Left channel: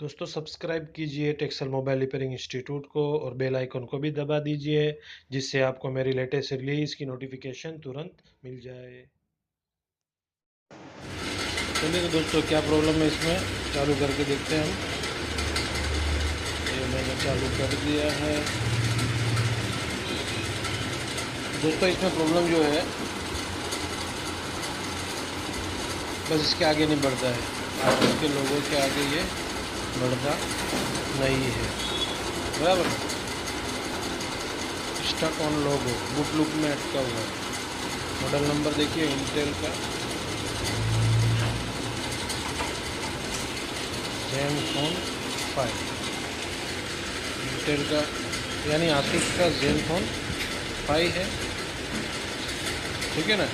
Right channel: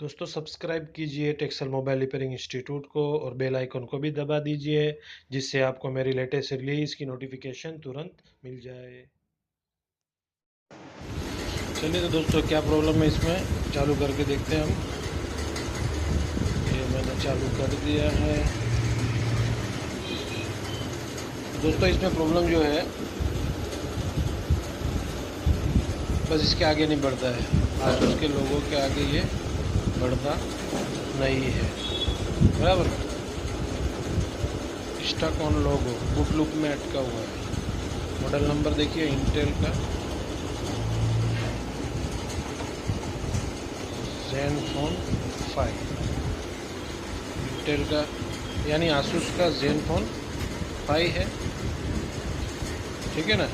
दोस्तों सब्सक्राइब कीजिए टेक्सल mobile repairing institute को और बेल आइकन को भी दबा दीजिए जिससे आपको मेरी लेटेस्ट रिलीज की नोटिफिकेशन तुरंत मिल जाए। चलिए तो दोस्तों क्या प्रॉब्लम है इसमें चालू करके देखते हैं हम। ये मैंने चालू कर दिया है। दोस्तों इसमें प्रॉब्लम जो है बस इसके आगे नहीं बढ़ता है। आज उसके लोगों के आगे ये बढ़ता नहीं है, बराबर। Stuck on logo boot loop में अटका हुआ है। मॉडल नंबर देखिए इंटेल का ज़ेनफोन 5, इंटेल का यानी आसूस का ज़ेनफोन 5 है, ठीक है ना।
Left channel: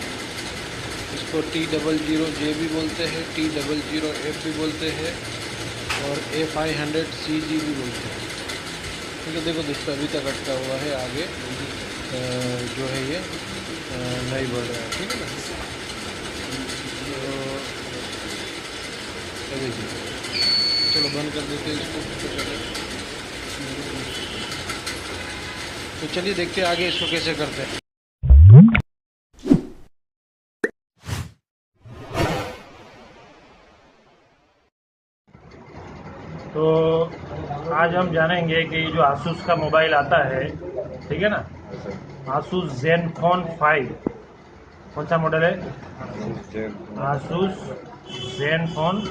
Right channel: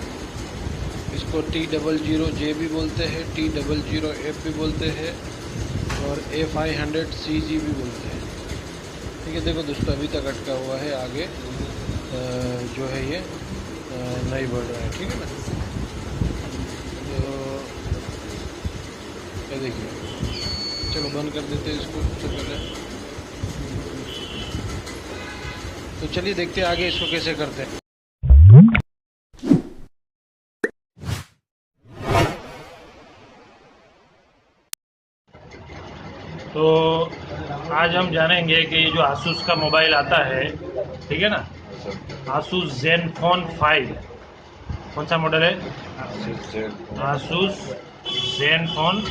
इसको T00J भी बोलते हैं, T00F भी बोलते हैं और A500CG भी बोलते हैं, ठीक है। देखो दोस्तों अभी तक अटका हुआ है, आगे जो है ये नहीं बढ़ रहा है, ठीक है ना। तो ये देखिए, चलो बंद कर देते हैं इसको सबसे पहले। तो चलिए देखते हैं आगे इसको कैसे करते हैं। तो आज हम जानेंगे कि ये जो आसूस का मोबाइल आता है, ठीक है ना, आसूस ज़ेनफोन 5, कौन सा मॉडल है? आसूस ज़ेनफोन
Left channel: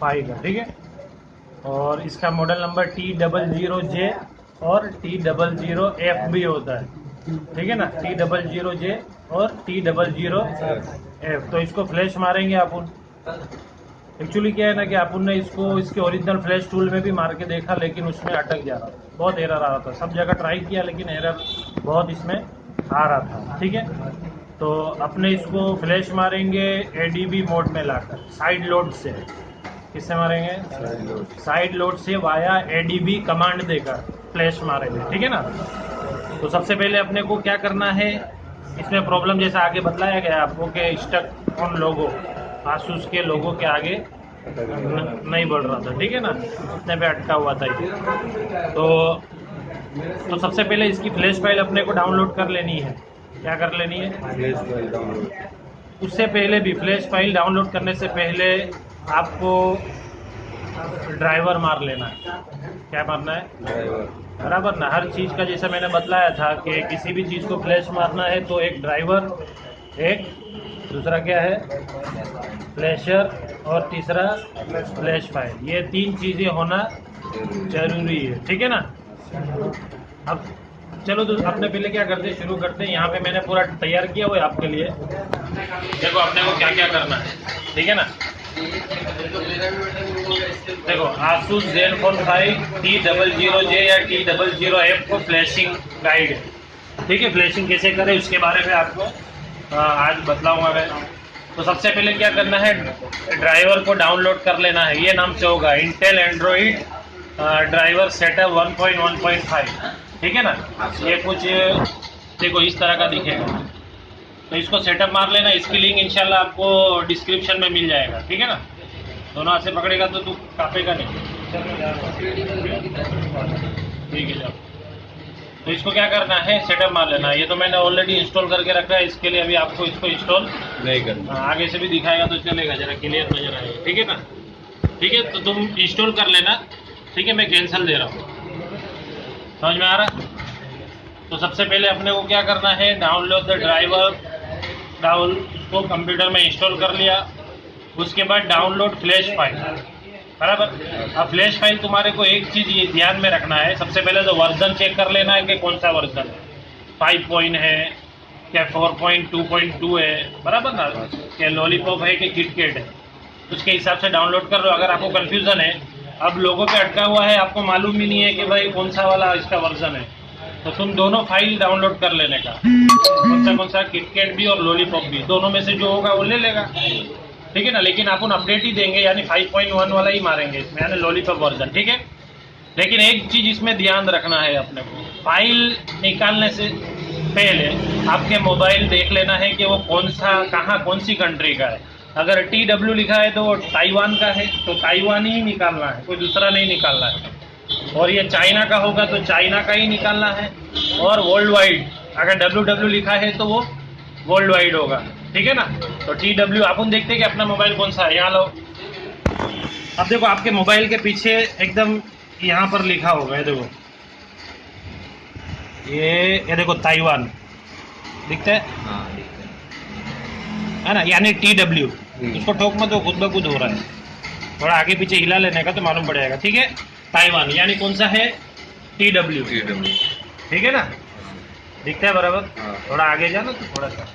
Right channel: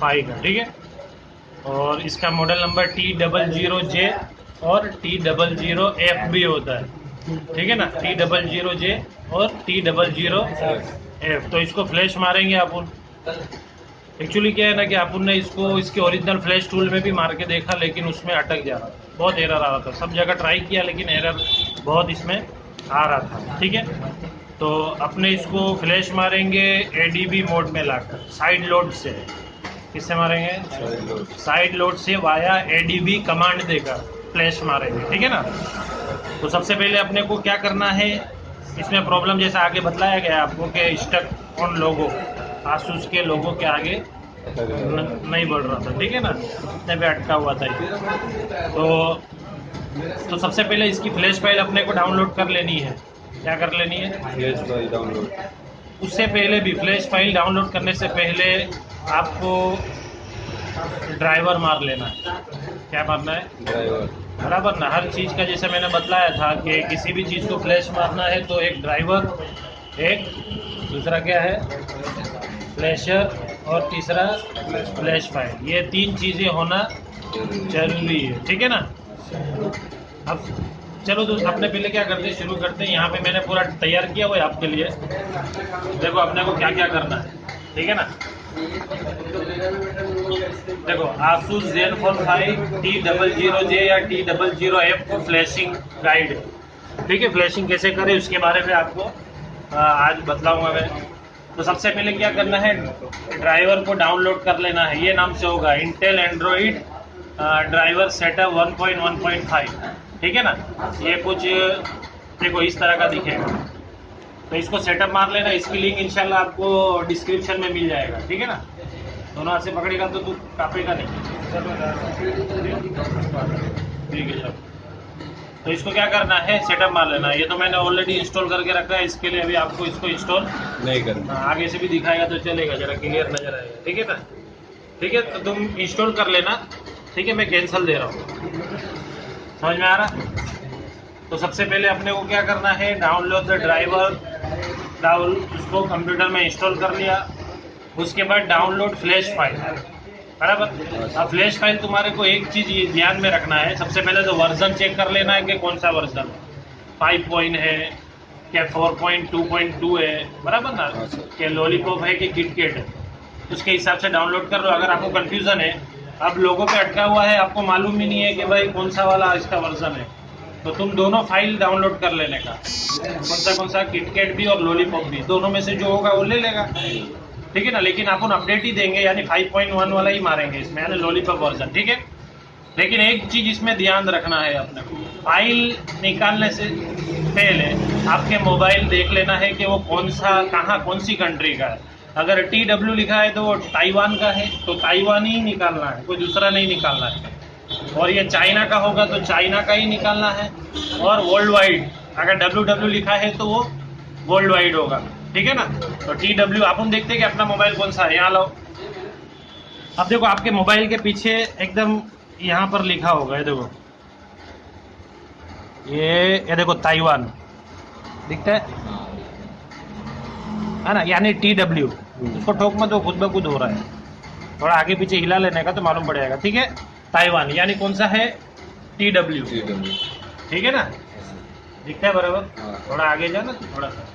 5 का, ठीक है। और इसका मॉडल नंबर T00J और T00F भी होता है, ठीक है ना। T00J और T00F। तो इसको फ्लैश मारेंगे अपन। एक्चुअली क्या है ना कि अपन ने इसको इसके ओरिजिनल फ्लैश टूल में भी मार के देखा, लेकिन उसमें अटक जा रहा था, बहुत एरर आ रहा था। सब जगह ट्राई किया लेकिन एरर बहुत इसमें आ रहा था, ठीक है। तो अपने इसको फ्लैश मारेंगे ADB मोड में लाकर, साइड लोड से। किससे मारेंगे? साइड लोड से वाया ADB कमांड देकर फ्लैश मारेंगे, ठीक है ना। तो सबसे पहले अपने को क्या करना है, इसमें प्रॉब्लम जैसा आगे बतलाया गया आपको कि स्टक ऑन लोगो, आसूस के लोगों के आगे नहीं बढ़ रहा था, ठीक है ना, इतने पे अटका हुआ था ये। तो सबसे पहले इसकी फ्लैश फाइल अपने को डाउनलोड कर लेनी है। क्या कर लेनी है? Flash file download. उससे पहले भी फ्लैश फाइल डाउनलोड करने से पहले आपको ड्राइवर मार लेना है। क्या मारना है? ड्राइवर, बराबर ना। हर चीज़ का जैसे मैंने बतलाया था कि किसी भी चीज़ को फ्लैश मारना है तो एक ड्राइवर, एक दूसरा क्या है, फ्लैशर, और तीसरा फ्लैश फाइल। ये तीन चीज़ें होना जरूरी है, ठीक है ना। अब चलो तो अपने पहले क्या करते हैं, शुरू करते हैं। यहाँ पे मैंने पूरा तैयार किया हुआ है आपके लिए। देखो अपने को क्या क्या करना है, ठीक है ना। देखो आसूस ज़ेनफोन 5 T00J या T00F को फ्लैशिंग गाइड है, ठीक है। फ्लैशिंग कैसे करें उसके बारे में आपको आज बतलाऊंगा मैं। तो सबसे पहले क्या करना है, ड्राइवर को डाउनलोड कर लेना है। ये नाम से होगा इंटेल एंड्रॉइड ड्राइवर सेटअप 1.1.5, ठीक है ना। ये कुछ देखो इस तरह का दिखेगा। तो इसको सेटअप मार लेना। इसकी लिंक इंशाल्लाह आपको डिस्क्रिप्शन में मिल जाएगा, ठीक है ना। दोनों हाथ से पकड़ेगा तो तू कापेगा नहीं, ठीक है। तो इसको क्या करना है, सेटअप मार लेना है। ये तो मैंने ऑलरेडी इंस्टॉल करके रखा है, इसके लिए अभी आपको इसको इंस्टॉल नहीं करना। आगे से भी दिखाएगा तो चलेगा, जरा क्लियर नजर आएगा, ठीक है ना। ठीक है तो तुम इंस्टॉल कर लेना, ठीक है। मैं कैंसिल दे रहा हूँ, समझ में आ रहा। तो सबसे पहले अपने को क्या करना है, डाउनलोड द ड्राइवर, उसको कंप्यूटर में इंस्टॉल कर लिया। उसके बाद डाउनलोड फ्लैश फाइल, बराबर। अब फ्लैश फाइल तुम्हारे को एक चीज़ ये ध्यान में रखना है, सबसे पहले तो वर्जन चेक कर लेना है कि कौन सा वर्जन है, 5 पॉइंट है क्या 4.2.2 है, बराबर ना, क्या लॉलीपॉप है कि किटकैट है, उसके हिसाब से डाउनलोड कर लो। अगर आपको कन्फ्यूज़न है, अब लोगों पे अटका हुआ है, आपको मालूम ही नहीं है कि भाई कौन सा वाला इसका वर्जन है, तो तुम दोनों फाइल डाउनलोड कर लेने का, कौन सा किटकैट भी और लॉलीपॉप भी, दोनों में से जो होगा वो ले लेगा, ठीक है ना। लेकिन अपन अपडेट ही देंगे, यानी 5.1 वाला ही मारेंगे इसमें, यानी लॉलीपॉप वर्जन, ठीक है। लेकिन एक चीज़ इसमें ध्यान रखना है अपने को, फाइल निकालने से पहले आपके मोबाइल देख लेना है कि वो कौन सा, कहाँ, कौन सी कंट्री का है। अगर TW लिखा है तो वो ताइवान का है, तो ताइवान ही निकालना है, कोई दूसरा नहीं निकालना है। और ये चाइना का होगा तो चाइना का ही निकालना है। और वर्ल्ड वाइड अगर WW लिखा है तो वो वर्ल्ड वाइड होगा, ठीक है ना। तो TW अपन देखते हैं कि अपना मोबाइल कौन सा है। यहाँ लो, अब देखो आपके मोबाइल के पीछे एकदम यहाँ पर लिखा होगा, ये देखो, ये देखो ताइवान दिखता है ना, यानी TW। उसको ठोक मत, वो खुद ब खुद हो रहा है, थोड़ा आगे पीछे हिला लेने का तो मालूम पड़ जाएगा, ठीक है। ताइवान यानी कौन सा है, TW, ठीक है ना, दिखता है बराबर। थोड़ा आगे जाना तो थोड़ा सा,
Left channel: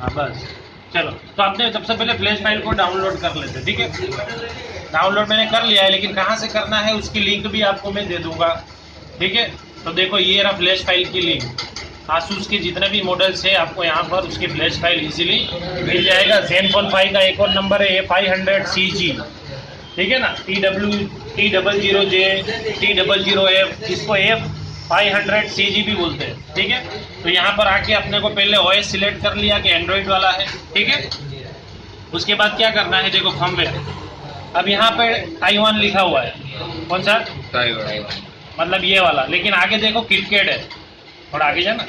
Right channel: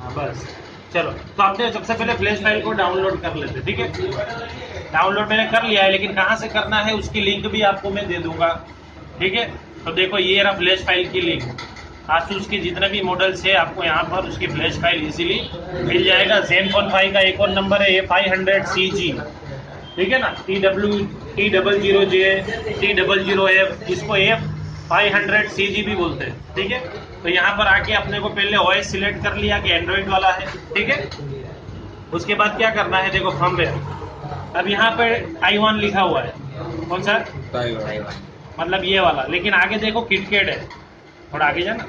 हाँ बस। चलो, तो आपने सबसे पहले फ्लैश फाइल को डाउनलोड कर लेते, ठीक है। डाउनलोड मैंने कर लिया है, लेकिन कहाँ से करना है उसकी लिंक भी आपको मैं दे दूंगा, ठीक है। तो देखो ये रहा फ्लैश फाइल की लिंक। आसूस के जितने भी मॉडल्स है आपको यहाँ पर उसकी फ्लैश फाइल इजीली मिल जाएगा। ज़ेनफोन 5 का एक और नंबर है A500CG, ठीक है ना। T00J, T00F, इसको F500CG भी बोलते हैं, ठीक है। तो यहाँ पर आके अपने को पहले OS सिलेक्ट कर लिया कि एंड्रॉइड वाला है, ठीक है। उसके बाद क्या करना है, देखो फर्मवेयर। अब यहाँ पे ताइवान लिखा हुआ है, कौन सा, ताइवान, मतलब ये वाला, लेकिन आगे देखो किटकैट है, थोड़ा आगे जाना,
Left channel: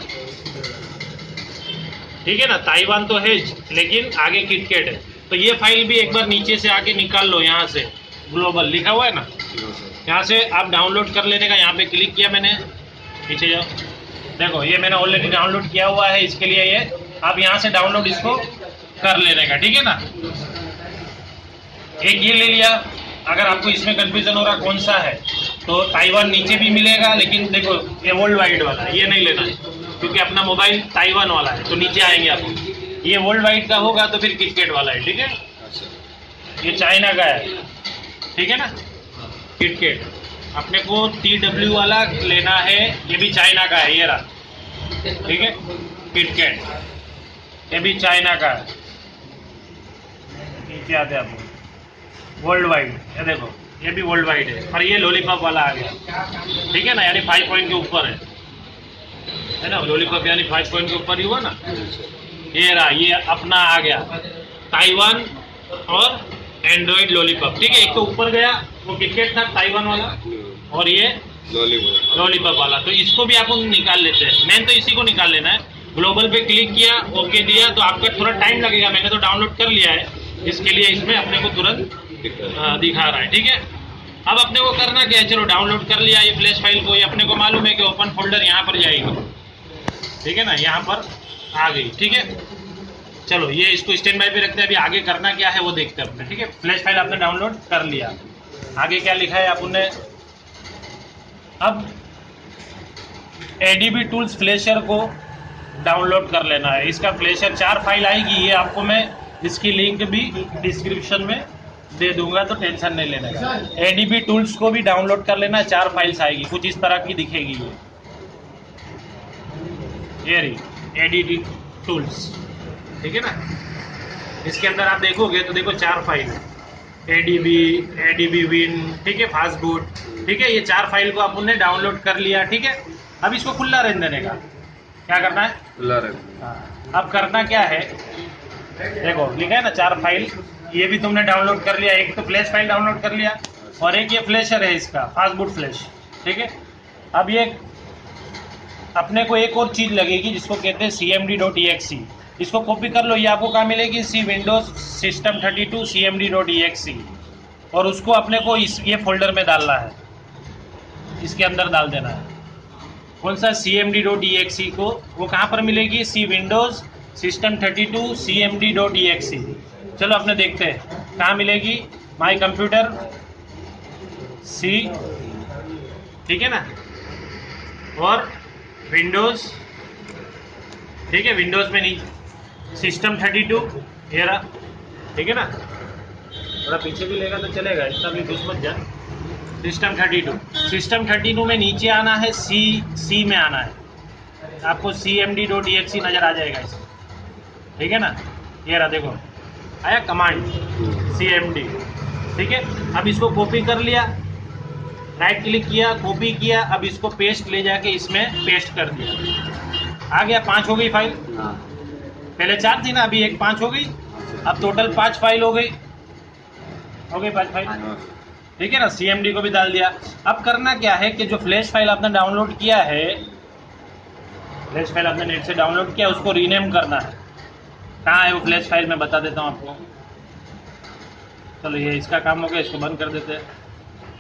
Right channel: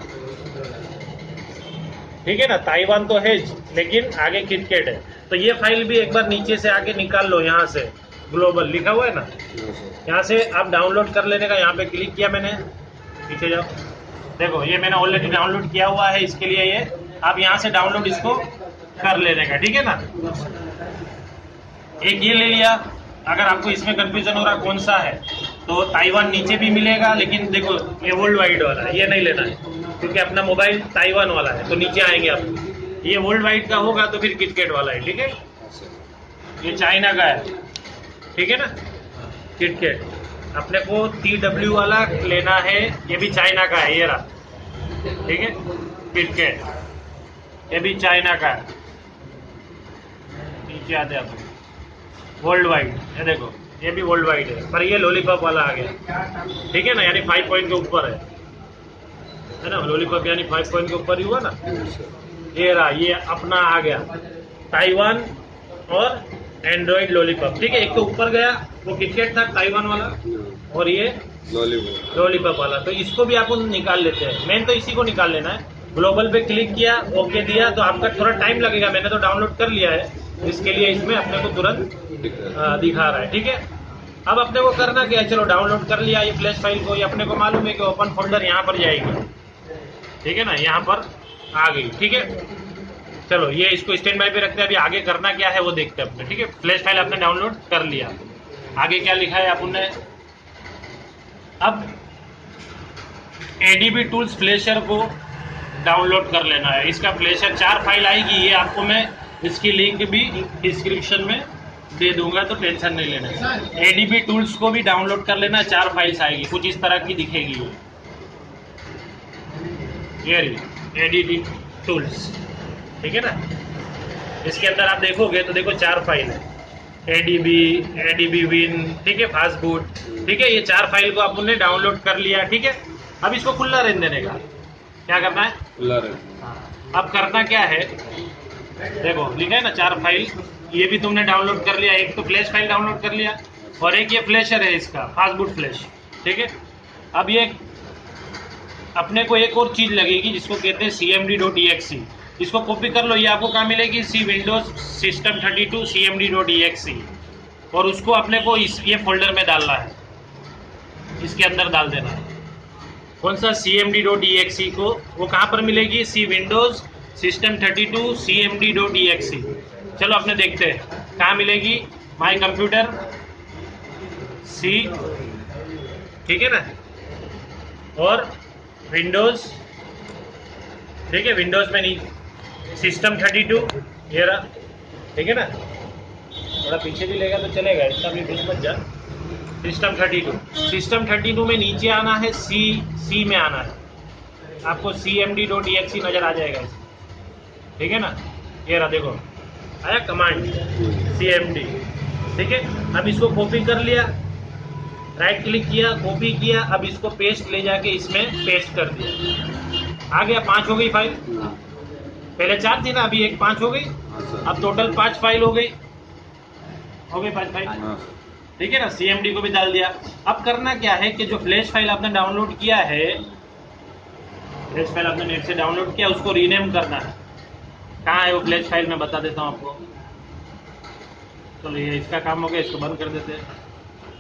ठीक है ना। ताइवान तो है लेकिन आगे किटकैट है, तो ये फाइल भी एक बार नीचे से आके निकाल लो। यहाँ से ग्लोबल लिखा हुआ है ना, यहाँ से आप डाउनलोड कर लेने का। यहाँ पे क्लिक किया मैंने, पीछे जाओ, देखो ये मैंने ऑलरेडी डाउनलोड किया हुआ है, इसके लिए ये आप यहाँ से डाउनलोड इसको कर लेने का, ठीक है ना। एक ये ले लिया। अगर आपको इसमें कंफ्यूजन हो रहा कौन सा है, तो ताइवान नीचे भी मिलेगा, लेकिन देखो ये वर्ल्ड वाइड वाला है, ये नहीं लेना है क्योंकि अपना मोबाइल ताइवान वाला है, तो नीचे आएंगे आप। ये वर्ल्ड वाइड का होगा तो फिर किटकैट वाला है, ठीक है। ये चाइना का है, ठीक है ना, किटकैट। अपने को TW वाला लेना है, ये भी चाइना का है, ये रहा, ठीक है, किटकैट, ये भी चाइना का है। नीचे आते हैं आप, वर्ल्ड वाइड, ये देखो ये भी वर्ल्ड वाइड है, पर ये लॉलीपॉप वाला आ गया, ठीक है ना, यानी 5 पॉइंट के ऊपर है ना। लॉलीपॉप यानी 5 पॉइंट के ऊपर ही हुआ ना। ये रहा, ये अपना आ गया ताइवान और एंड्रॉइड लॉलीपॉप, ठीक है। एक तो ऊपर गया वो किटकैट था ताइवान वाला, और ये लॉलीपॉप वाला, तो इसको भी आप निकाल लेते हैं। मेन तो इसी को निकाल लेना है। ग्लोबल पे क्लिक किया, ओके दिया, तो आपका थोड़ा टाइम लगेगा, मैंने तो डाउनलोड कर लिया है, इसके लिए इसमें अपने को तुरंत दिखा रहा है, ठीक है। अब अपने को करना क्या है, चलो डाउनलोड कर लिया ये फ्लैश फाइल को, ये अपने को मालूम है कि ओपन फोल्डर यहाँ पर जाएगी, ठीक है ना, यहाँ पर आ गई, ठीक है। चलो ये इसको स्टैंड बाय पे रखते हैं, अभी आगे करना क्या है वो देखते हैं अपने, ठीक है। फ्लैश फाइल आपने डाउनलोड कर लिया, आगे क्या लिखा है आपने, अब ADB टूल्स फ्लैशर को डाउनलोड कर लेना है। इसका फ्लैशर 4 फाइल आएगी, ये आपको मैं इसकी लिंक भी डिस्क्रिप्शन में दे दूंगा, तो टेंशन नहीं लेना है। ADB टूल्स को भी डाउनलोड कर लेना, 4 फाइल्स आएगी, कुछ इस तरह की दिखेगी ये रही ADB टूल्स, ठीक है ना। इसके अंदर आप देखोगे तो देखो 4 फाइल है, ADB विन, ठीक है, फास्ट बूट, ठीक है। ये 4 फाइल को आपने डाउनलोड कर लिया, ठीक है। अब इसको खुला रहने देने का, क्या करना है, खुला रहने। अब करना क्या है, देखो लिखा है ना 4 फाइल, ये भी तुमने डाउनलोड कर लिया। एक तो फ्लैश फाइल डाउनलोड कर लिया, और एक ये फ्लैशर है इसका फास्ट बूट फ्लैश, ठीक है। अब ये अपने को एक और चीज़ लगेगी जिसको कहते हैं cmd.exe, इसको कॉपी कर लो, ये आपको कहाँ मिलेगी, सी विंडोज सिस्टम 32 cmd.exe, और उसको अपने को ये फोल्डर में डालना है, इसके अंदर डाल देना है। कौन सा, cmd.exe को, वो कहाँ पर मिलेगी, सी विंडोज सिस्टम 32 cmd.exe। चलो अपने देखते हैं कहाँ मिलेगी, माई कंप्यूटर सी, ठीक है ना, और विंडोज, ठीक है, विंडोज में नहीं, सिस्टम 32 ये रहा, ठीक है ना। थोड़ा पीछे भी लेगा तो चलेगा, इसका भी घुस मत जा। सिस्टम 32 में नीचे आना है, सी में आना है, आपको cmd.exe नजर आ जाएगा इसमें, ठीक है ना। ये रहा, देखो आया कमांड cmd, ठीक है। अब इसको कॉपी कर लिया, राइट क्लिक किया, कॉपी किया, अब इसको पेस्ट ले जाके इसमें पेस्ट कर दिया, आ गया। 5 हो गई फाइल, पहले 4 थी ना, अभी 1 5 हो गई, अब टोटल 5 फाइल हो गई 5 फाइल, हाँ ठीक है ना। CMD को भी डाल दिया। अब करना क्या है कि जो फ्लैश फाइल आपने डाउनलोड किया है, फ्लैश फाइल आपने नेट से डाउनलोड किया, उसको रीनेम करना है। कहाँ है वो फ्लैश फाइल, मैं बता देता हूँ आपको। चलो ये इसका काम हो गया, इसको बंद कर देते हैं,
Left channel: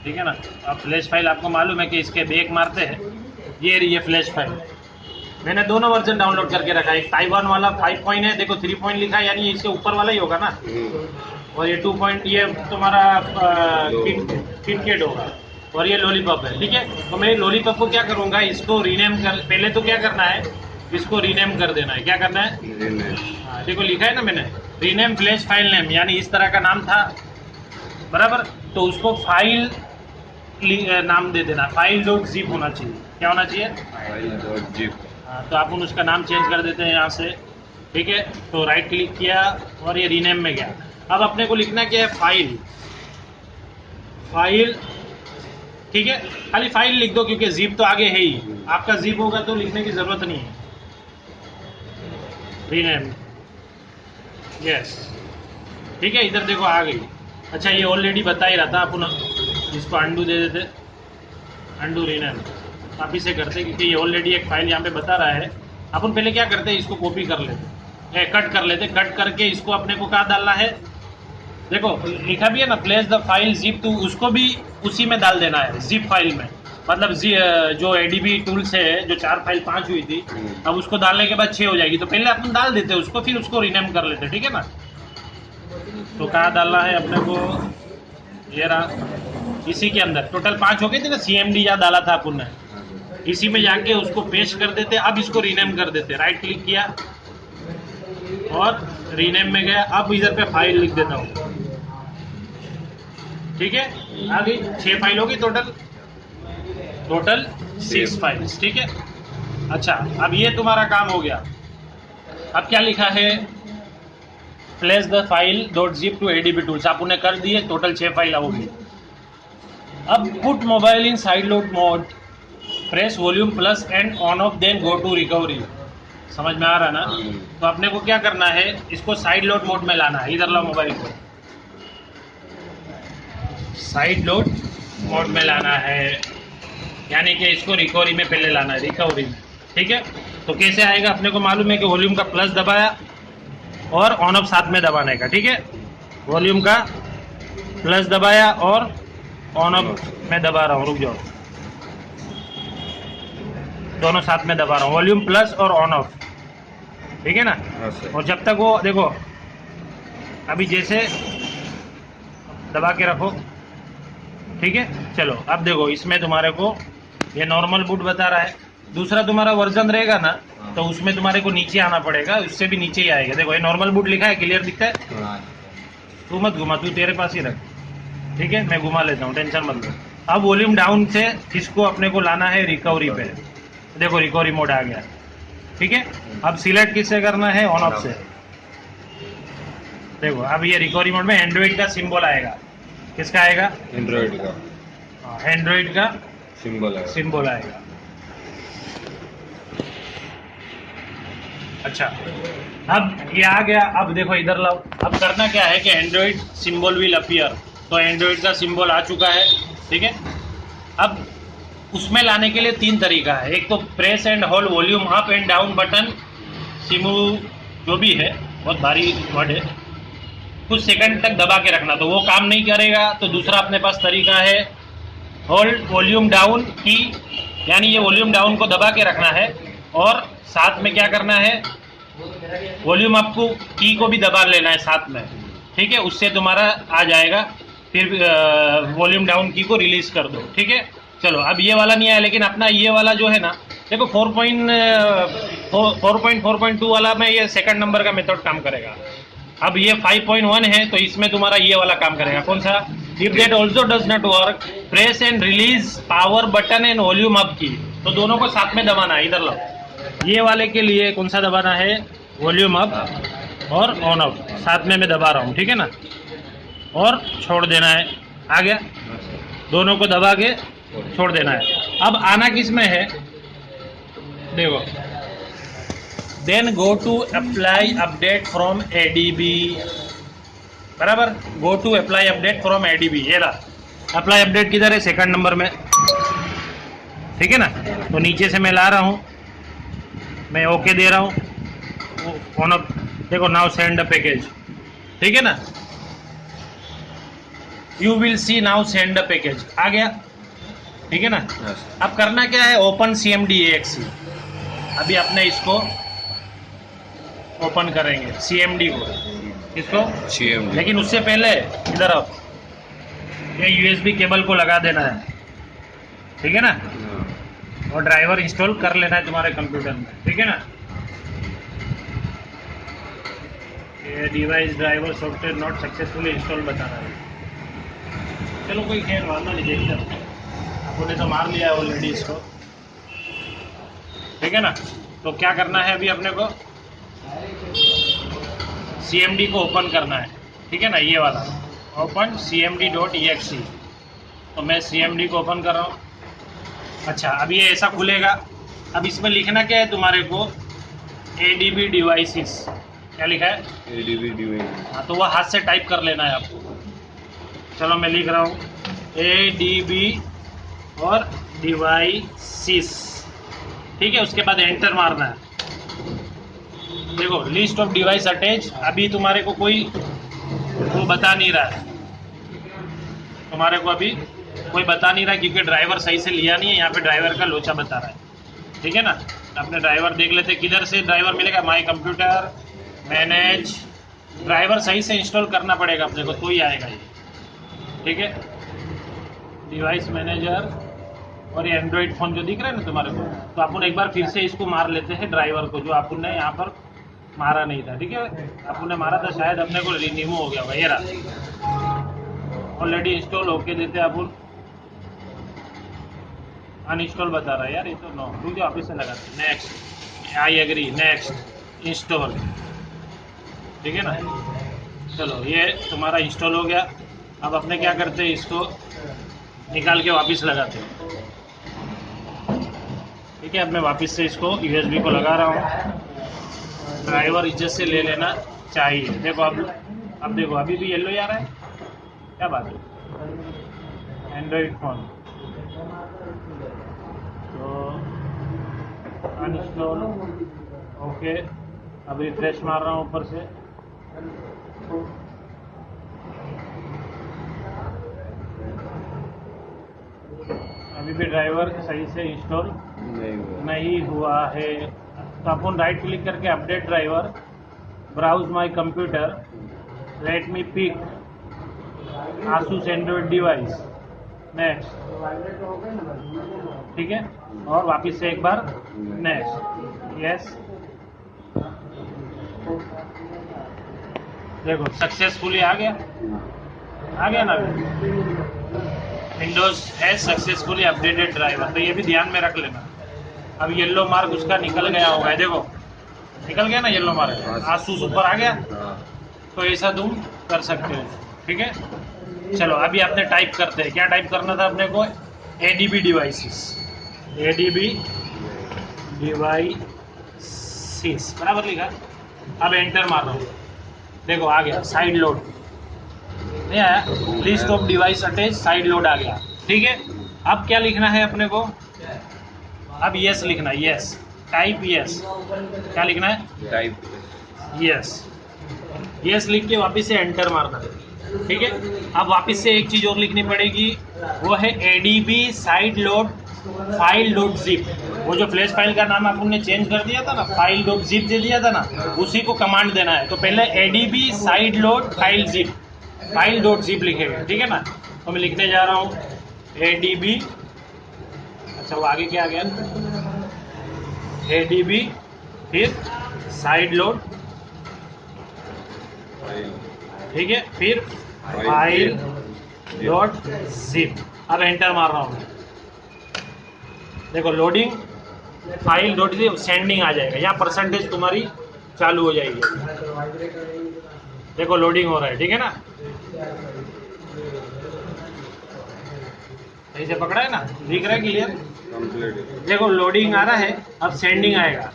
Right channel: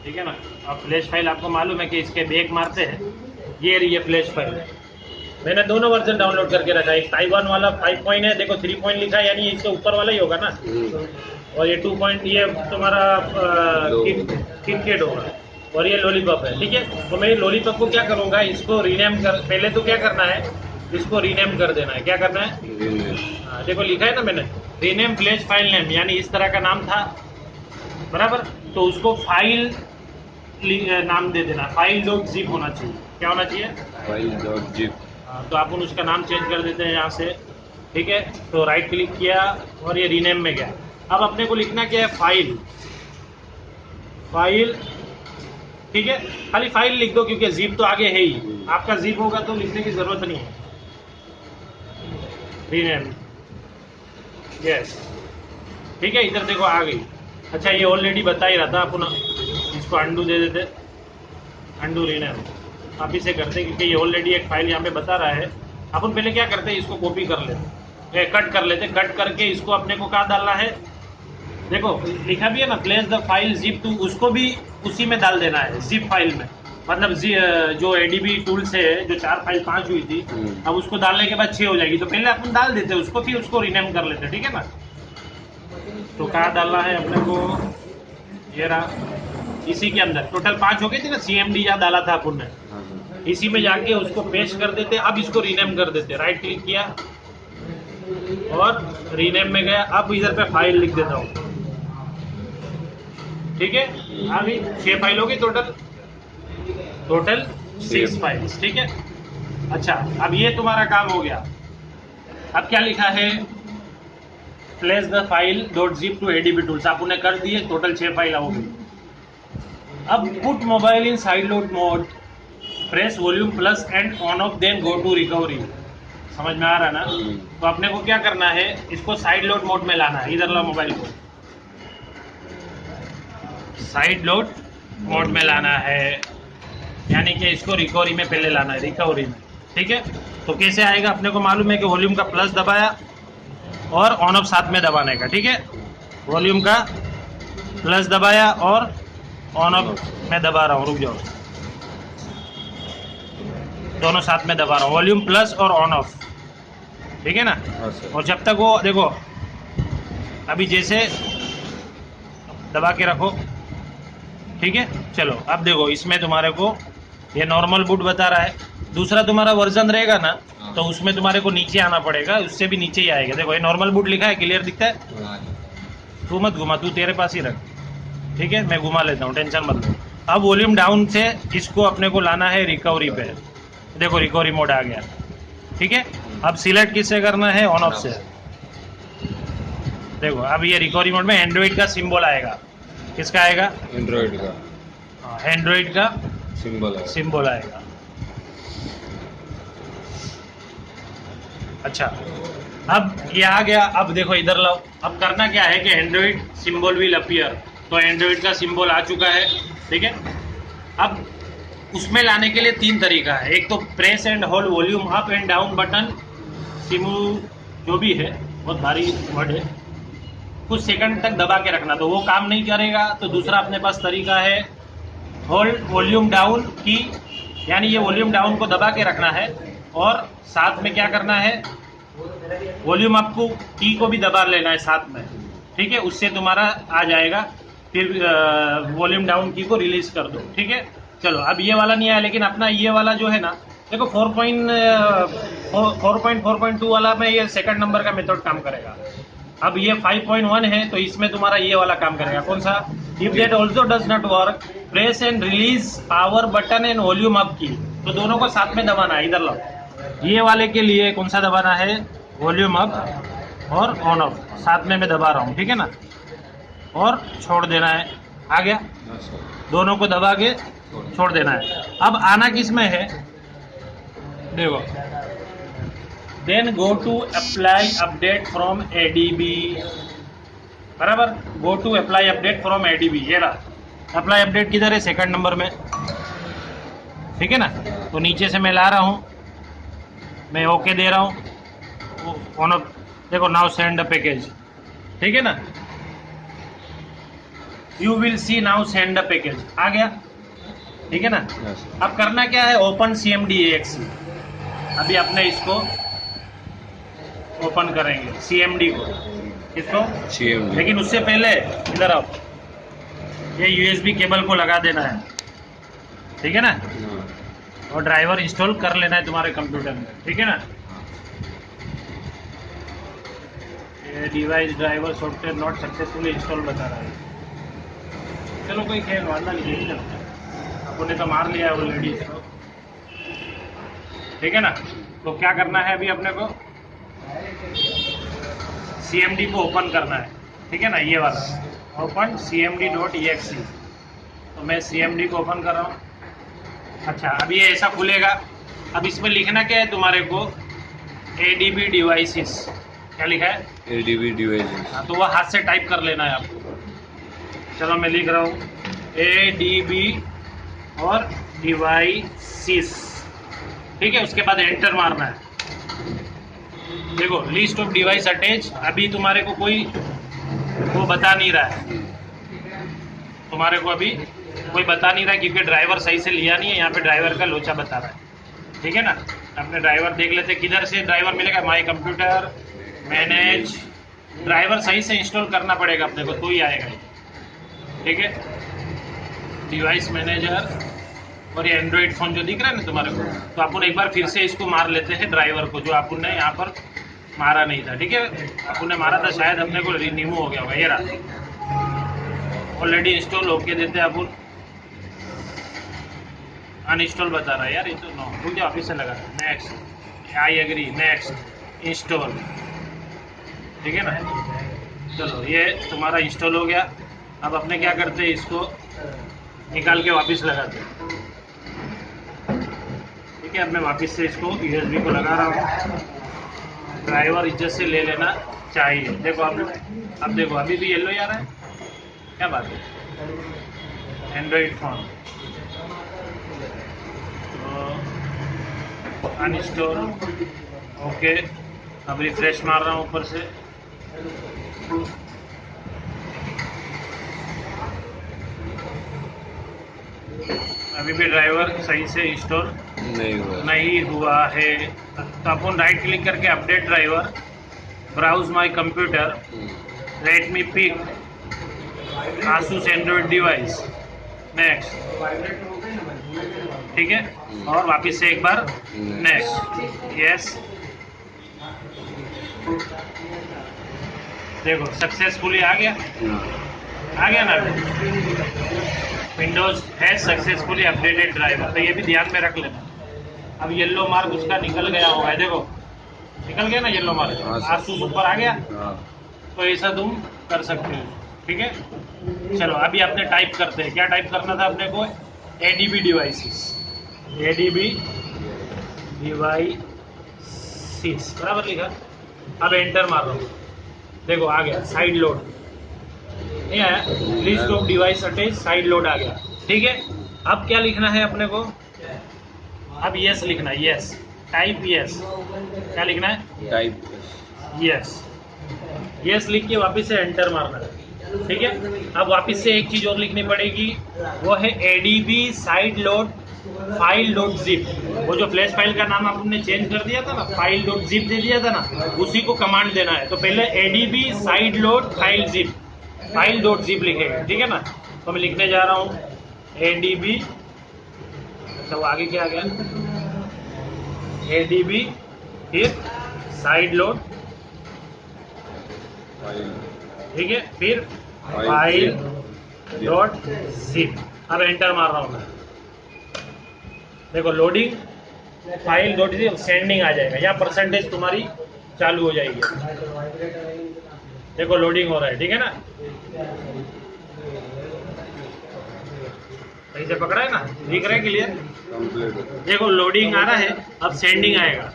ठीक है ना। अब फ्लैश फाइल आपको मालूम है कि इसके बैक मारते हैं, ये रही है फ्लैश फाइल। मैंने दोनों वर्जन डाउनलोड करके रखा है। एक ताइवान वाला 5 पॉइंट है, देखो 3 पॉइंट लिखा है, यानी इससे ऊपर वाला ही होगा ना। और ये 2 पॉइंट ये तुम्हारा किट होगा, और ये लॉलीपॉप है, ठीक है। तो मैं लॉलीपॉप को क्या करूँगा, इसको रीनेम कर, पहले तो क्या करना है, इसको रीनेम कर देना है। क्या करना है, हाँ देखो लिखा है ना मैंने, रीनेम फ्लैश फाइल नेम, यानी इस तरह का नाम था बराबर, तो उसको फाइल नाम दे देना, file.zip होना चाहिए। क्या होना चाहिए, file.zip। हाँ, तो अपन उसका नाम चेंज कर देते हैं यहाँ से, ठीक है। तो राइट क्लिक किया और ये रीनेम में गया। अब अपने को लिखना क्या है, फाइल, ठीक है। खाली फाइल लिख दो, क्योंकि जिप तो आगे है ही, आपका जिप होगा तो लिखने की जरूरत नहीं है। रीनेम, यस, ठीक है। इधर देखो आ गई। अच्छा ये ऑलरेडी बता ही रहा था, अपन इसको अंडू दे देते, अंडू रीनेम आप इसे करते, क्योंकि ये ऑलरेडी एक फाइल यहाँ पे बता रहा है। अपन पहले क्या करते हैं, इसको कॉपी कर लेते, कट कर लेते, कट करके इसको अपने को कहाँ डालना है, देखो लिखा भी है ना, place the file zip to, उसको भी उसी में डाल देना है, जिप फाइल में। मतलब जो ADB टूल से जो 4 फाइल 5 हुई थी, अब उसको डालने के बाद 6 हो जाएगी, तो पहले अपन डाल देते उसको, फिर उसको रीनेम कर लेते, ठीक है ना। तो कहाँ डालना है अपने को, ये रहा, इसी के अंदर टोटल 5 हो गई थी ना, CMD यहाँ डाला था अपन ने, इसी में जाके उसको पेस्ट कर देते। अब इसको रीनेम कर देते, राइट क्लिक किया और रीनेम में गया। अब इधर पे फाइल लिख देता हूँ, ठीक है। आ गई 6 फाइल हो गई टोटल 6 फाइल्स, ठीक है। अच्छा अब ये तुम्हारा काम हो गया। अब क्या लिखा है, place the file .zip to ADB tools, आप उन्हें कर दिए, टोटल 6 फाइल होगी। अब put mobile in sideload mode, press volume plus and on off, then go to recovery. समझ में आ रहा है ना। तो अपने को क्या करना है, इसको साइड लोड मोड में लाना है। इधर लो मोबाइल को, साइड लोड मोड में लाना है, यानी कि इसको रिकवरी में पहले लाना है, रिकवरी में, ठीक है। तो कैसे आएगा, अपने को मालूम है कि वॉल्यूम का प्लस दबाया और ऑन ऑफ साथ में दबाने का, ठीक है। वॉल्यूम का प्लस दबाया और ऑन ऑफ में दबा रहा हूँ, रुक जाओ, दोनों साथ में दबा रहा हूँ, वॉल्यूम प्लस और ऑन ऑफ, ठीक है ना। और जब तक वो देखो, अभी जैसे दबा के रखो, ठीक है। चलो अब देखो, इसमें तुम्हारे को ये नॉर्मल बूट बता रहा है, दूसरा तुम्हारा वर्जन रहेगा ना, तो उसमें तुम्हारे को नीचे आना पड़ेगा, उससे भी नीचे ही आएगा। देखो ये नॉर्मल बूट लिखा है, क्लियर दिखता है। तू मत घुमा, तू तेरे पास ही रख, ठीक है, मैं घुमा लेता हूँ, टेंशन मत लो। अब वॉल्यूम डाउन से इसको अपने को लाना है रिकवरी पे, देखो रिकवरी मोड आ गया, ठीक है। अब सिलेक्ट किससे करना है, ऑन ऑफ से। देखो अब ये रिकवरी मोड में एंड्रॉइड का सिंबल आएगा, किसका आएगा, एंड्रॉइड का, एंड्रॉइड का सिंबल आएगा। अच्छा अब ये आ गया। अब देखो इधर लाओ, अब करना क्या है कि एंड्रॉइड सिंबल विल अपीयर, तो एंड्रॉइड का सिंबल आ चुका है, ठीक है। अब उसमें लाने के लिए 3 तरीका है, एक तो press and hold volume up and down button, Simu जो भी है, बहुत भारी वर्ड है, कुछ सेकंड तक दबा के रखना, तो वो काम नहीं करेगा। तो दूसरा अपने पास तरीका है होल्ड वॉल्यूम डाउन की, यानी ये वॉल्यूम डाउन को दबा के रखना है, और साथ में क्या करना है, वॉल्यूम अप को की को भी दबा लेना है साथ में, ठीक है। उससे तुम्हारा आ जाएगा, फिर वॉल्यूम डाउन की को रिलीज कर दो, ठीक है। चलो अब ये वाला नहीं आया, लेकिन अपना ये वाला जो है ना, देखो 4.4.2 वाला में ये सेकंड नंबर का मेथड काम करेगा। अब ये 5.1 है, तो इसमें तुम्हारा ये वाला काम करेगा, कौन सा, if that also does not work press and release power button and volume up की, तो दोनों को साथ में दबाना है। इधर लो, ये वाले के लिए कौन सा दबाना है, वॉल्यूम अप और ऑन ऑफ साथ में मैं दबा रहा हूँ, ठीक है ना, और छोड़ देना है। आ गया, दोनों को दबा के छोड़ देना है। अब आना किस में है, देखो then go to apply update from ADB, बराबर। Go to apply update from ADB, ये रहा अप्लाई अपडेट किधर है, सेकंड नंबर में, ठीक है ना। तो नीचे से मैं ला रहा हूँ, मैं ओके दे रहा हूँ ऑन अप, देखो नाउ सेंड द पैकेज, ठीक है ना। You will see now send the package, आ गया, ठीक है ना। अब करना क्या है, ओपन CMD.exe, अभी अपने इसको ओपन करेंगे CMD को, इसको CMD, लेकिन उससे पहले इधर आप ये USB केबल को लगा देना है, ठीक है ना, और ड्राइवर इंस्टॉल कर लेना है तुम्हारे कंप्यूटर में, ठीक है ना। ये device driver software not successfully install बता रहा है। चलो कोई खेल वाला नहीं, देखिए अपने तो मार लिया है ऑलरेडी इसको, ठीक है ना। तो क्या करना है अभी अपने को, CMD को ओपन करना है, ठीक है ना, ये वाला ओपन CMD.exe। तो मैं CMD को ओपन कर रहा हूँ। अच्छा, अब ये ऐसा खुलेगा। अब इसमें लिखना क्या है तुम्हारे को, ADB डिवाइसेस, क्या लिखा है, ADB डिवाइसेस। हाँ, तो वह हाथ से टाइप कर लेना है आपको। चलो मैं लिख रहा हूँ ADB और डिवाइसेस, ठीक है। उसके बाद एंटर मारना है। देखो लिस्ट ऑफ डिवाइस अटैच, अभी तुम्हारे को कोई वो बता नहीं रहा है, तुम्हारे को अभी कोई बता नहीं रहा क्योंकि ड्राइवर सही से लिया नहीं है, यहाँ पे ड्राइवर का लोचा बता रहा है, ठीक है ना। अपने ड्राइवर देख लेते, किधर से ड्राइवर मिलेगा, माई कंप्यूटर मैनेज, ड्राइवर सही से इंस्टॉल करना पड़ेगा अपने को, तो ही आएगा ये, ठीक है। डिवाइस मैनेजर, और ये एंड्रॉइड फ़ोन जो दिख रहा है ना तुम्हारे को, तो अपन एक बार फिर से इसको मार लेते हैं ड्राइवर को, जो अपन ने यहाँ पर मारा नहीं था, ठीक है। अपन ने मारा था, शायद अपने को रिन्यू हो गया होगा, ये रहा ऑलरेडी इंस्टॉल होके देते हैं अपन, अनइंस्टॉल बता रहा है यार ये तो, नो रुक जाओ, ऑफिस से लगा, next, I agree, next install, ठीक है ना। चलो ये तुम्हारा इंस्टॉल हो गया। अब अपने क्या करते हैं, इसको निकाल के वापस लगाते हैं, ठीक है। अब मैं वापस से इसको USB को लगा रहा हूँ, ड्राइवर इज्जत से ले लेना चाहिए। देखो अब देखो अभी भी येलो आ रहा है, क्या बात है, एंड्रॉइड फ़ोन। तो अनइंस्टॉल, ओके। अब रिफ्रेश मार रहा हूँ ऊपर से, अभी भी ड्राइवर सही से इंस्टॉल नहीं हुआ है। तो अपन राइट क्लिक करके update driver, browse my computer, let me pick Asus android device, next, ठीक है। और वापस से एक बार नेक्स्ट, यस। देखो सक्सेसफुली आ गया ना, Windows has successfully updated driver. तो ये भी ध्यान में रख लेना। अब येलो मार्क उसका निकल गया होगा, देखो निकल गया ना येलो मार्क, आसूस ऊपर आ गया। तो ऐसा तुम कर सकते हो, ठीक है। चलो अभी आपने टाइप करते हैं, क्या टाइप करना था अपने को, ADB डिवाइसेस, ADB डिवाइसेस, बराबर लिखा। अब एंटर मार रहा हूँ, देखो आ गया, साइड लोड नहीं आया, list of device attach, sideload आ गया, ठीक है। अब क्या लिखना है अपने को, अब यस लिखना है, यस, टाइप यस, क्या लिखना है, टाइप यस, यस लिख के वापस से एंटर मारना है, ठीक है। अब वापस से एक चीज और लिखनी पड़ेगी, वो है ADB side load file dot zip. वो जो फ्लैश फाइल का नाम आपने चेंज कर दिया था ना, फाइल डॉट जिप दे दिया था ना, उसी को कमांड देना है। तो पहले ADB side load file zip, file dot zip लिखेगा, ठीक है ना। तो मैं लिखने जा रहा हूँ ADB, अच्छा वो आगे क्या आ गया, ADB फिर साइड लोड, ठीक है, फिर फाइल डॉट जिप। अब एंटर मार रहा हूँ मैं, देखो loading file dot zip, sending आ जाएगा, यहाँ परसेंटेज तुम्हारी चालू हो जाएगी। देखो लोडिंग हो रहा है, ठीक है ना, सही से पकड़ा है ना, दिख रहा है क्लियर। देखो लोडिंग आ रहा है, अब सेंडिंग आएगा,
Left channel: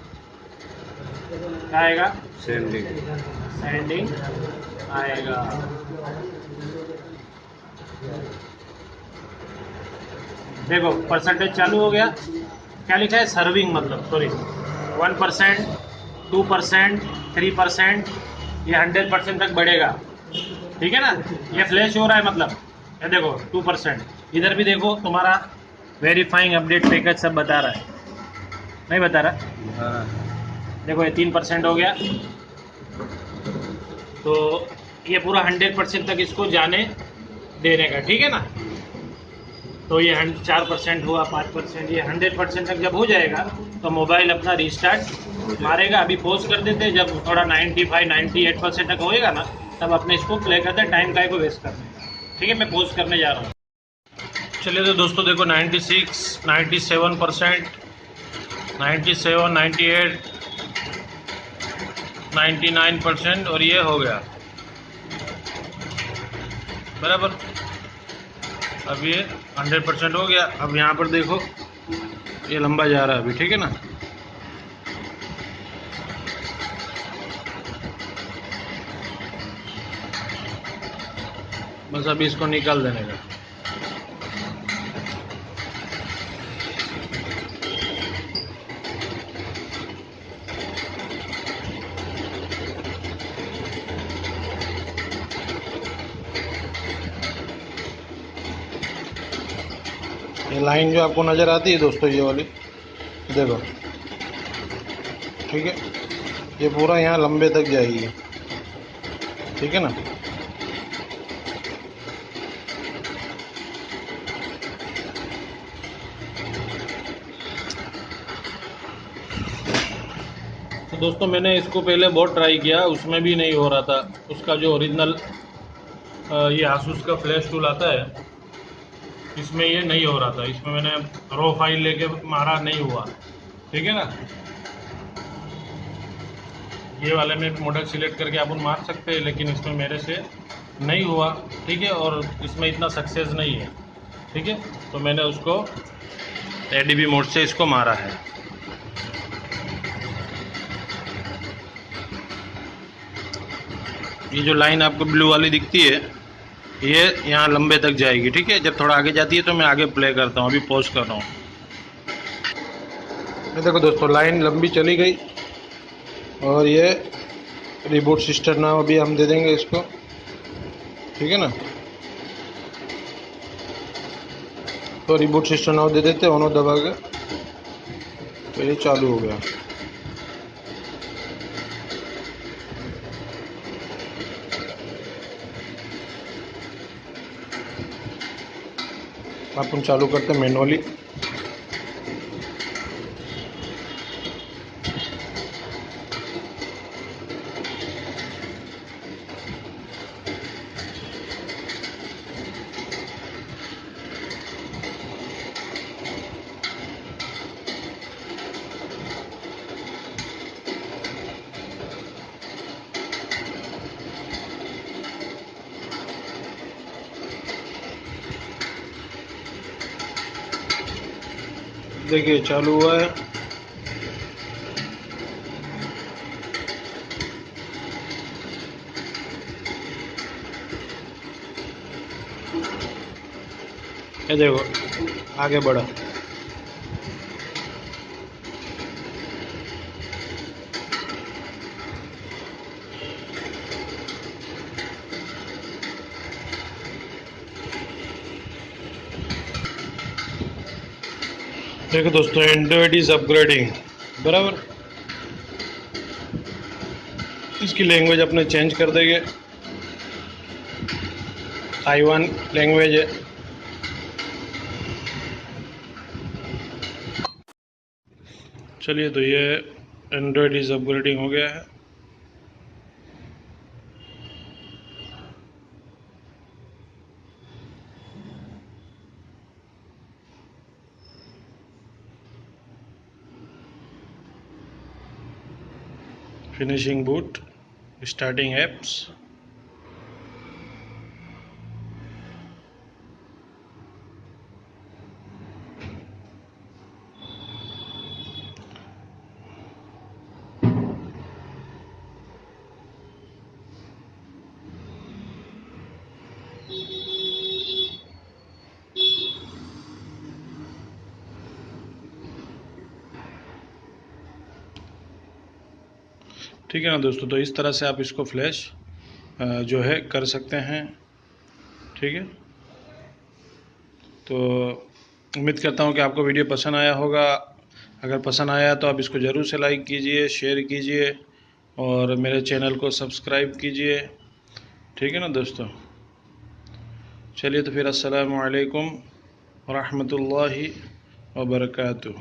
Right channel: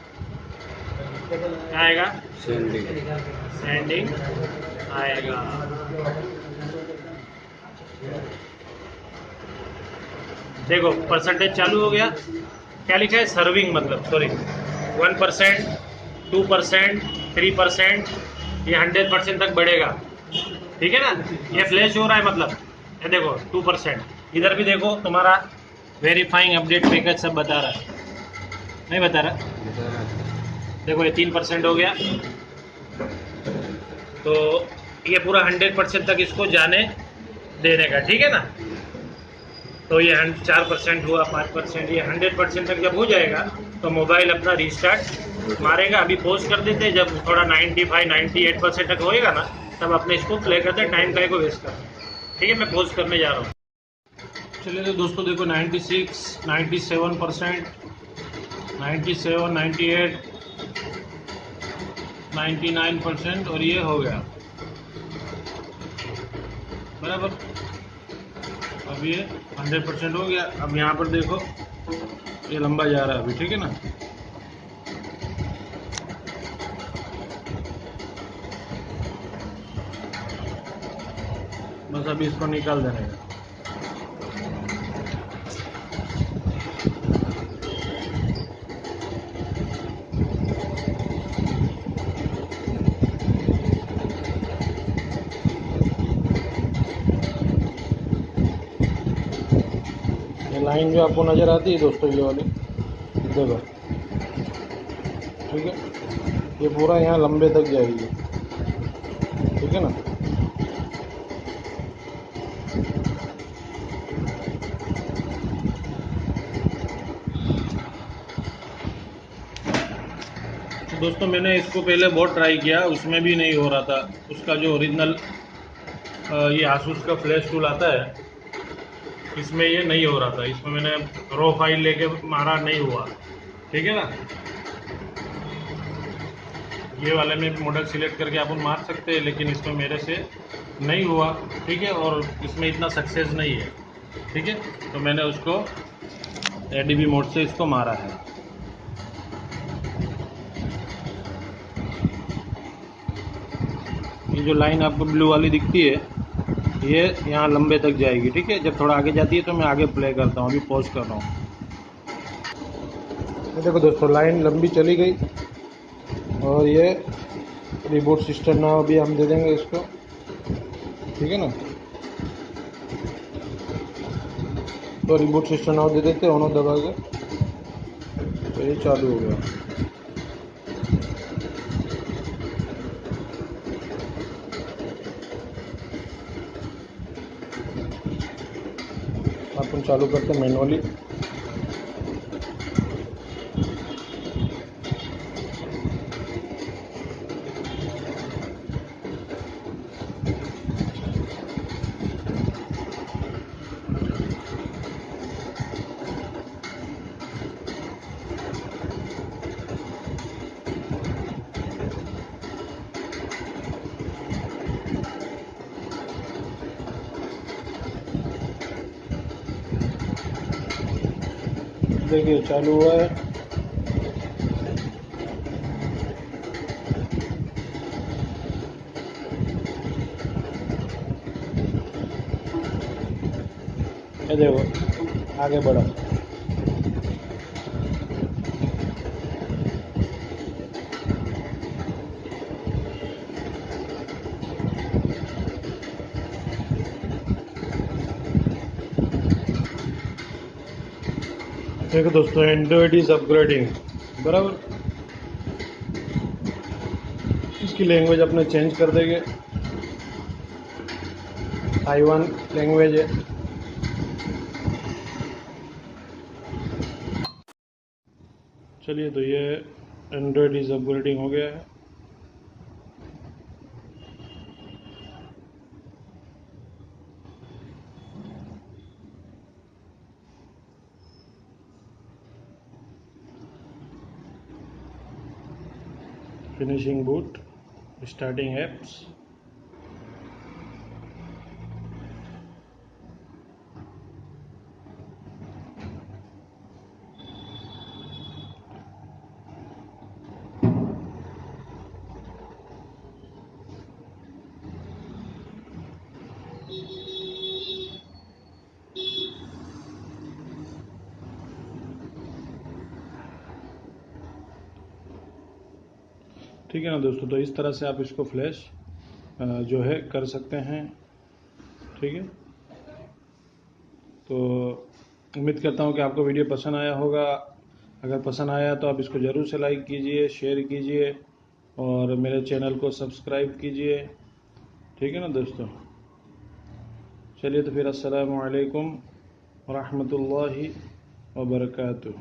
क्या आएगा? सेंडिंग। सैंडिंग आएगा। देखो परसेंटेज चालू हो गया। क्या लिखा है? सर्विंग, मतलब सॉरी 1%, 2%, 3%, ये 100% तक बढ़ेगा। ठीक है ना? ये फ्लैश हो रहा है, मतलब ये देखो 2%। इधर भी देखो तुम्हारा वेरीफाइंग अपडेट पैकेज सब बता रहा है, नहीं बता रहा? देखो ये 3% हो गया, तो ये पूरा 100% तक इसको जाने देने का। ठीक है ना? तो ये 4% हुआ, 5%, ये 100% तक जब हो जाएगा तो मोबाइल अपना रिस्टार्ट मारेगा। अभी पॉज कर देते हैं, जब थोड़ा 95, 98% तक होएगा ना, तब अपने इसको प्ले करते हैं, टाइम का को वेस्ट करते हैं। ठीक है, मैं पॉज करने जा रहा हूँ। चलिए तो दोस्तों देखो 96, 97%, 97, 98, 99% और ये हो गया बराबर। अब ये 100% हो गया। अब यहाँ पर देखो ये लंबा जा रहा है अभी। ठीक है ना? बस अभी इसको निकाल देने का। ये लाइन जो आपको नज़र आती है दोस्तों, ये वाली देखो, ठीक है, ये पूरा यहाँ लंबे तक जाएगी। ठीक है ना? तो दोस्तों मैंने इसको पहले बहुत ट्राई किया, उसमें भी नहीं हो रहा था। उसका जो ओरिजिनल ये आसूस का फ्लैश टूल आता है, इसमें ये नहीं हो रहा था। इसमें मैंने रो फाइल लेके मारा, नहीं हुआ। ठीक है ना? ये वाले में मॉडल सिलेक्ट करके अपन मार सकते हैं, लेकिन इसमें मेरे से नहीं हुआ। ठीक है? और इसमें इतना सक्सेस नहीं है। ठीक है? तो मैंने उसको एडीबी मोड से इसको मारा है। ये जो लाइन आपको ब्लू वाली दिखती है, ये यहाँ लंबे तक जाएगी। ठीक है? जब थोड़ा आगे जाती है तो मैं आगे प्ले करता हूँ। अभी पॉज कर रहा हूँ। ये देखो दोस्तों, लाइन लंबी चली गई और ये रिबूट सिस्टम नाम अभी हम दे देंगे इसको। ठीक है ना? तो रिबूट सिस्टम नाम दे देते हैं, ऑनो दबा के, तो ये चालू हो गया। अपन चालू करते हैं मैनुअली। देखिए चालू हुआ है। ये देखो आगे बढ़ा। देखो दोस्तों, एंड्रॉयड इज अपग्रेडिंग बराबर। इसकी लैंग्वेज अपने चेंज कर देंगे, ताइवान लैंग्वेज है। चलिए तो ये एंड्रॉयड इज अपग्रेडिंग हो गया है। Finishing boot, starting apps. ठीक है ना दोस्तों। तो इस तरह से आप इसको फ्लैश जो है कर सकते हैं। ठीक है, तो उम्मीद करता हूँ कि आपको वीडियो पसंद आया होगा। अगर पसंद आया तो आप इसको ज़रूर से लाइक कीजिए, शेयर कीजिए और मेरे चैनल को सब्सक्राइब कीजिए। ठीक है ना दोस्तों। चलिए तो फिर अस्सलामु अलैकुम व रहमतुल्लाहि व बरकातुहू।